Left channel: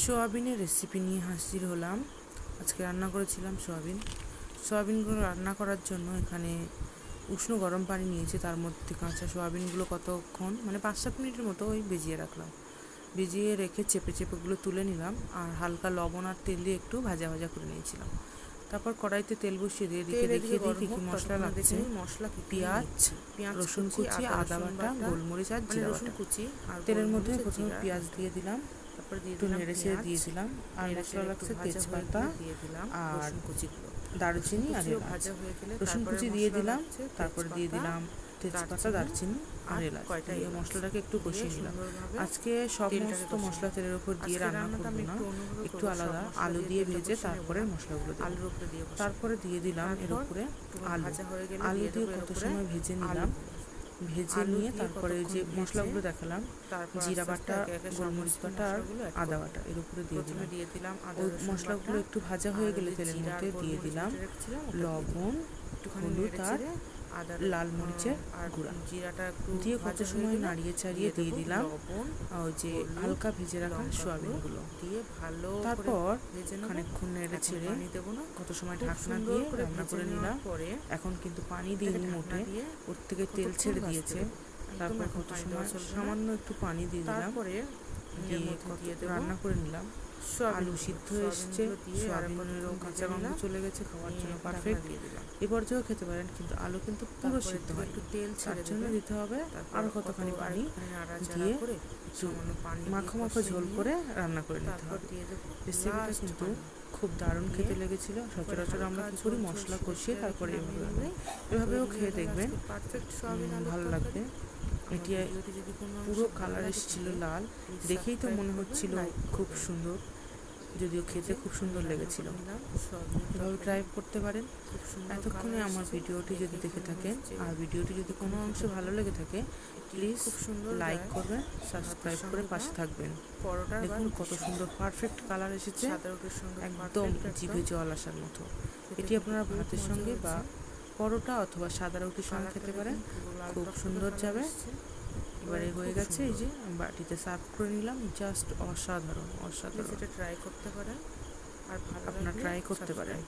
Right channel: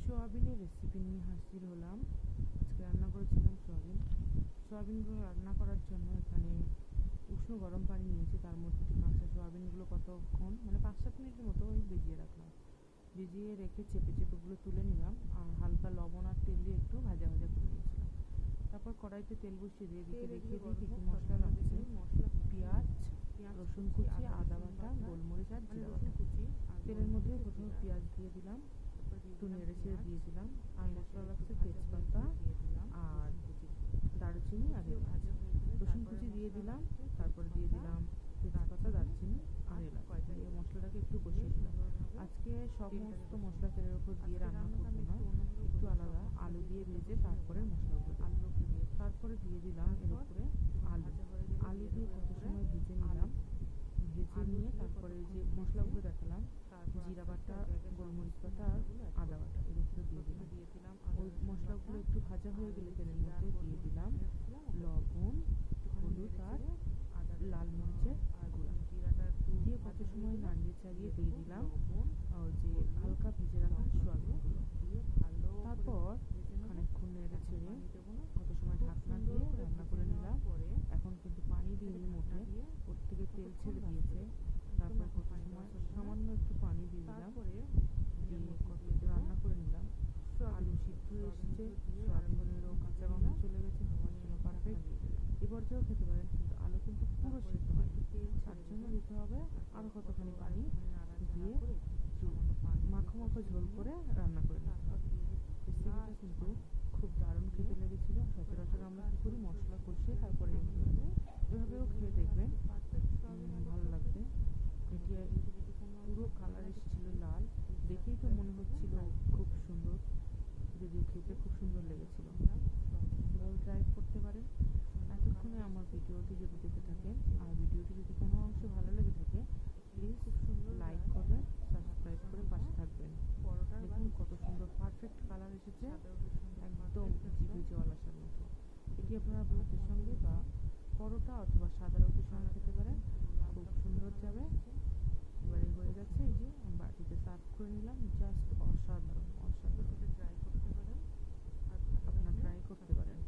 সোয়াবিনের রেসিপি নিয়ে হাজির হলাম। আজকে রান্না করেছিলাম সোয়াবিনগুলো রান্না করার জন্য এখানে উষ্ণ গরম পানি নিয়েছি, তার মধ্যে কাঁচা সোয়াবিনগুলো কতক্ষণ 5-7 মিনিটের মতো ভিজিয়ে রাখলাম। ভিজিয়ে রেখে চেপে চেপেগুলো তুলে নিলাম আর হালকা লবণ আর তেল দিয়ে একটু ভাজা ভাজা করে নিয়েছিলাম। তারপর কড়াইতে তেল বসিয়ে দিয়ে দেখিয়ে দিই কী কী মশলা লাগছে। পেঁয়াজ, রসুন কুচি, আদা বাটা, গোলমরিচ আর জিরা বাটা। তেলের মধ্যে প্রথমে পেঁয়াজ দিয়ে দিলাম, একটু নেড়ে ছেড়ে দিয়ে দিলাম। আর মশলা লাগছে তেজপাতা আর দারুচিনি আর এলাচ। রসুন কুচি দিয়ে দিলাম, তারপর দিয়ে দিলাম তেজপাতা, দারচিনি আর এলাচ। দিয়ে মশলাটাকে একটু কষিয়ে নিলাম। আজকে সমস্ত মশলা তেলের উপর দিয়ে রান্না করবো না, একটু আলাদা আলু দিয়ে ভেজে তারপরে মশলাগুলো দিই। তারপরে দিয়ে দিলাম এর উপরে আলু দিয়ে কত সময় ভেজে নিলাম। ভেজে নিয়ে তারপরে যে মশলাগুলো দেখালাম, জিরা বাটা, গোলমরিচ বাটা আর আদা বাটা এর উপরে দিয়ে দিলাম। ওই মশলাগুলো একটু ভাজা হয়ে গেলে তেলের মধ্যে দিয়ে দিলাম লবণ, হলুদ আর লাল মরিচের গুঁড়া দিয়ে কত সময় নাড়িয়ে চাড়িয়ে দিয়ে দিলাম ওই যে হালকা ভেজে রাখা সোয়াবিনগুলো দিয়ে ভালো। তারপর খানিকক্ষণ নেড়ে ছেড়ে কত সময় ঢাকনা দিয়ে রান্না করে নিলাম। এখন কিন্তু পানি দিইনি মোটে, ওর থেকে তেল ছেড়ে দিয়েছে। তারপর কত সময় সামান্য একটু পানি দিয়ে দিলাম, দিয়ে রান্না করে নিলাম। আলু সিদ্ধ এসছে, সোয়াবিনেরও কাঁচা গন্ধ চলে গেছে, খাওয়ার জন্য পারফেক্ট। এ পর্যায়েও খেতে পারেন, কিন্তু আলু কিন্তু পুরো সিদ্ধ হয়, একটু তেল তার জন্য দিতে হবে আরও কতখানি পানি দিয়ে মাখো মাখো ঝোল করে রান্না করে নিতে হবে। রেসিপিটা কিন্তু খুব দারুণ খেতে লেগেছিল। সচরাচর আমরা কী করি, মশলা কষিয়ে তারপরে এভাবেও খেয়ে দেখবেন, ভালো লাগবে। এটি পুরো কালার এসেছিল লাল, দেখেই তো মনে হচ্ছিল খুব সুন্দর, যদিও খেতে খুব সুন্দর লেগেছিল। এভাবে ট্রাই করতে পারেন। এতক্ষণে আমার ভিডিওটি যদি দেখে থাকেন আর ভিডিওটি যদি কোনো অংশে ভালো লেগে থাকে, প্লিজ লাইক করবেন, সাবস্ক্রাইব করে পাশে থাকবেন। দেখুন কত সুন্দর পারফেক্ট কালার এসেছে, একদম জিভে জল আসার মতো। এটি আপনারা ভাতের সঙ্গে বা পরোটা অথবা সাদা রুটির সঙ্গে খেতে পারেন, খুব সুন্দর যাবে। এবারে হয়ে গেছে, এই যে বাটিতে সার্ভ করে নিলাম। জাস্ট অসাধারণ, সেটা ট্রাই করতে পারেন আর আপনারা ট্রাই করতে পারেন।